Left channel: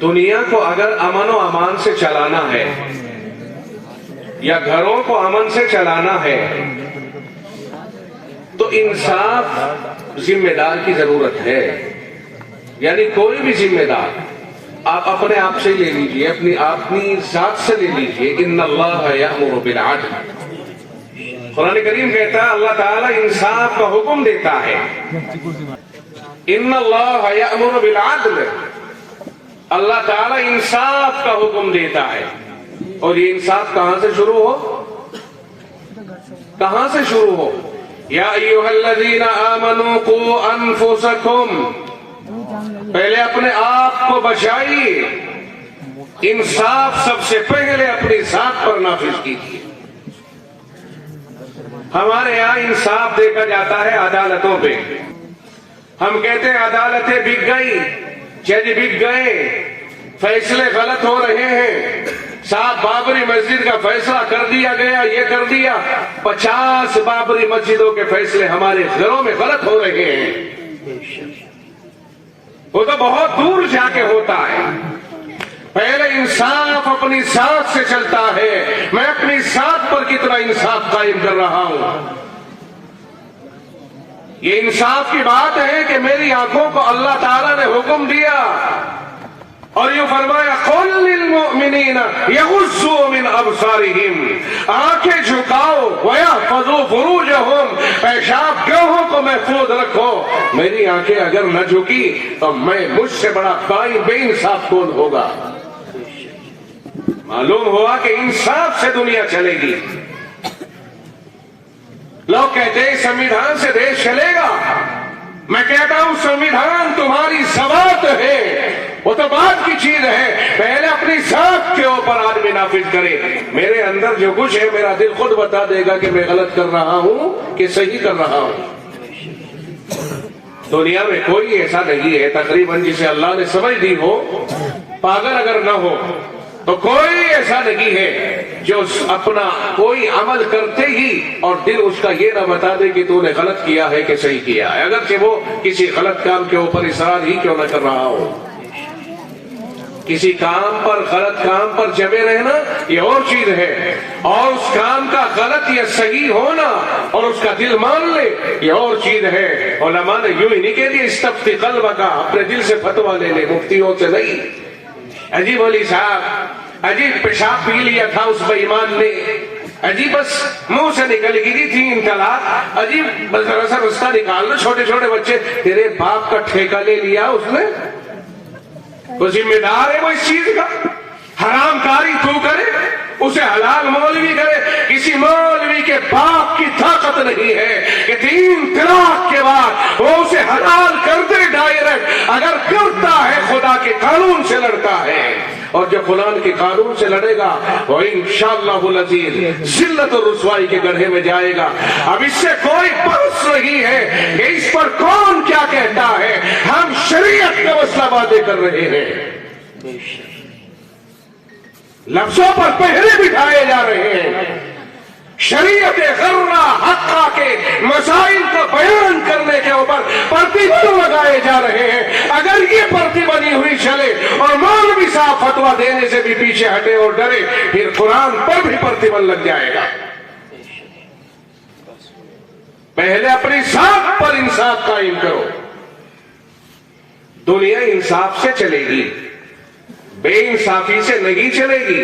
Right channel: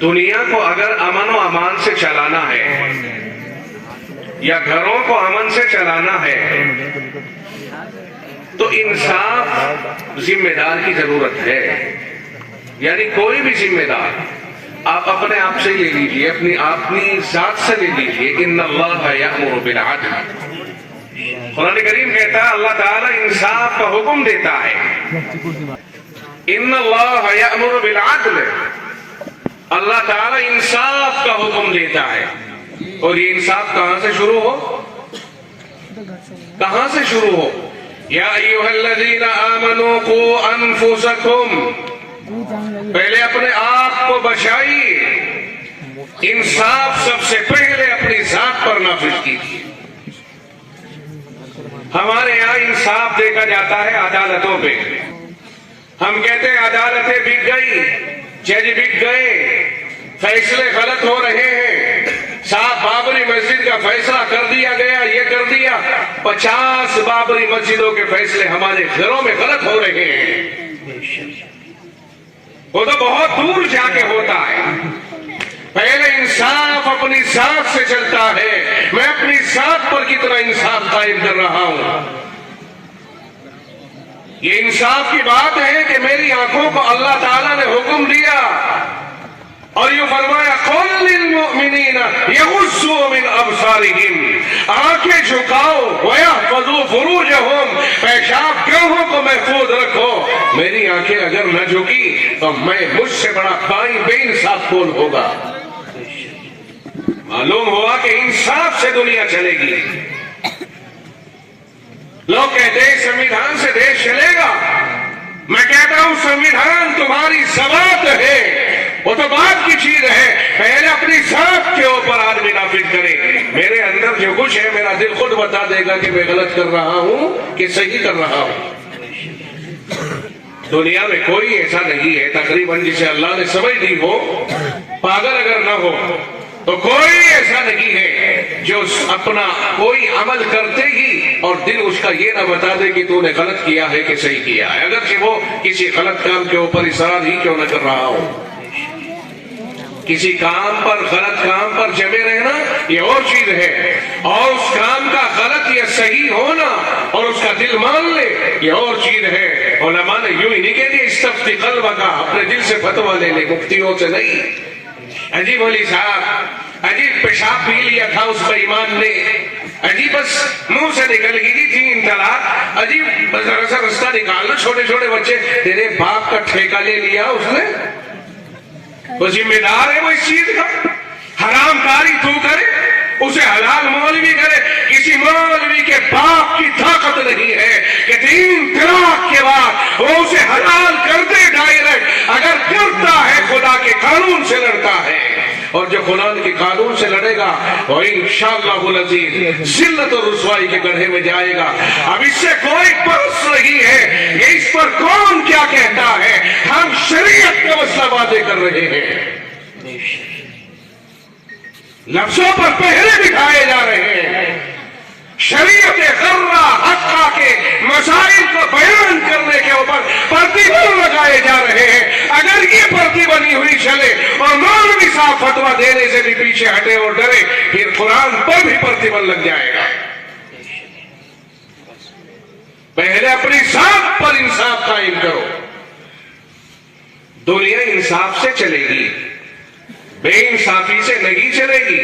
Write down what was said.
دنیا کو اگر امن و امان سے چلانا ہے یا گھروں کو امن سے چلانا ہے تو انصاف ذمہ دار کی ضرورت ہے. یعنی کوئی بھی ذمہ دار آپ اپنے آپ سے لے لیجئے, اپنی ذات سے لے لیجئے. ان اللہ یأمر بالعدل, قرآن کریم کہتا ہے اللہ تعالیٰ انصاف کا حکم دیتا ہے. ان اللہ یأمر بالعدل, اللہ تعالیٰ انصاف کا حکم دیتا ہے. اور یہ انصاف کہاں سے شروع ہو؟ کہاں سے شروع ہو؟ یا ایھا الذین آمنوا قوا انفسکم, پہلے اپنے آپ کو بچائیے. انصاف سب سے پہلے اپنی ذات پر نافذ کیجیے. ہمارے یہاں انصاف دیکھا جاتا ہے عدالتوں پہ. ہم کہتے ہیں عدالتیں بک گئی, جج بک گئے, فیصلے غلط ہو رہے ہیں. 7 بابری مسجد کا فیصلہ کر دیا گیا, یہ کر دیا. 50 بابری مسجدوں کے فیصلے ہمارے گھروں میں غلط ہو رہے ہیں. وہ تو بہت دور جا کے ہوتا ہے. پہلے انصاف اپنی ذات سے چلتا ہے. میں اپنی ذات پر کتنا انصاف قائم کر رہا ہوں. یہ انصاف کی بات ہے کہ میری آنکھوں کو اللہ تعالیٰ نے حکم دیا اور یہ فرمایا قل للمؤمنین یغضوا من ابصارہم, آنکھیں جھکاؤ ویحفظوا فروجہم, پیشاب گاہوں کو محفوظ رکھو. میری آنکھیں اگر نہ جھکی تو میں مجھ سے بڑا بے انصاف کون ہوگا؟ معلوم ہوا کہ انصاف سے دنیا چلے گی. لوگ کہتے ہیں سنویدھان سے دیش چلے گا. میں کہتا ہوں سنویدھان تمہاری ذات ہے, وہ تو بات کی چیز ہے. پہلے اپنی ذات کے اوپر آدمی نافذ کرے. میرے اندر جو کچھ ہے میرا دل خود بتا دے گا کہ میں غلط کر رہا ہوں کہ صحیح کر رہا ہوں. دنیا میں کوئی ایسا نہیں ہے تقریباً جسے اللہ نے سمجھ دی ہو, پاگل اگر نہ ہو تو کوئی ایسا نہیں ہے جو اپنا کوئی عمل کرتے ہی اور دل اس کا یہ نہ بتا دے کہ تو نے غلط کیا ہے کہ صحیح کیا ہے, اگرچہ وہ کسی غلط کام کے اوپر اصرار ہی کیوں نہ کر رہا ہو. کسی کام پر, غلط کام پر جمے رہنا یہ اور چیز ہے, اور اس کام کا غلط یا صحیح ہونا اور اس کا دل مان لے یہ اور چیز ہے. علماء نے یوں ہی نہیں کہہ دیا استفتی قلب کا, اپنے دل سے فتویٰ لے لے, مفتیوں سے نہیں. عجیب علی صاحب عجیب پیشاب پی لیا تھا اس بے ایمان نے, عجیب بس منہ سے نکل گئی 3 طلاق, عجیب بس ذرا سا رستہ نکالنا. چھوٹے چھوٹے بچے, تیرے باپ کا ٹھیکہ لے لیا اس نے, وہ ذمہ دار ہے وہ اس چیز کا. حرام کاری تو کرے, اسے حلال مولوی کرے. کسی مولوی کے باپ کی طاقت نہیں ہے کہ 3 طلاق کے بعد وہ اسے حلال کر دے ڈائریکٹ. اگر کرتا ہے خدا کے قانون سے لڑتا ہے, اور جو خدا کے قانون سے لڑے گا وہ انشاءاللہ العزیز ذلت اور رسوائی کے گڑھے میں جائے گا. اب اس سے کوئی بحث نہیں ہے کہ اس پر کون کیا کہتا ہے. ہم شریعت کا مسئلہ باتیں کر رہے ہیں, لفظوں پر پہرے دکھائے جا رہے ہیں. شریعت غرہ حقہ کے مسائل کو بیان کرنے کے اوپر پرتیبند لگائے جا رہے ہیں. اگر یہ پرتی بنی ہوئی چلے اور مولوی صاحب فتویٰ دینے سے بھی پیچھے ہٹے اور ڈرے, پھر قرآن پر بھی پرتیبند لگ جائے گا. پہلے اپنی ذات پر انصاف قائم کرو. دنیا انصاف سے چلے گی, بے انصافی سے نہیں چلے گی.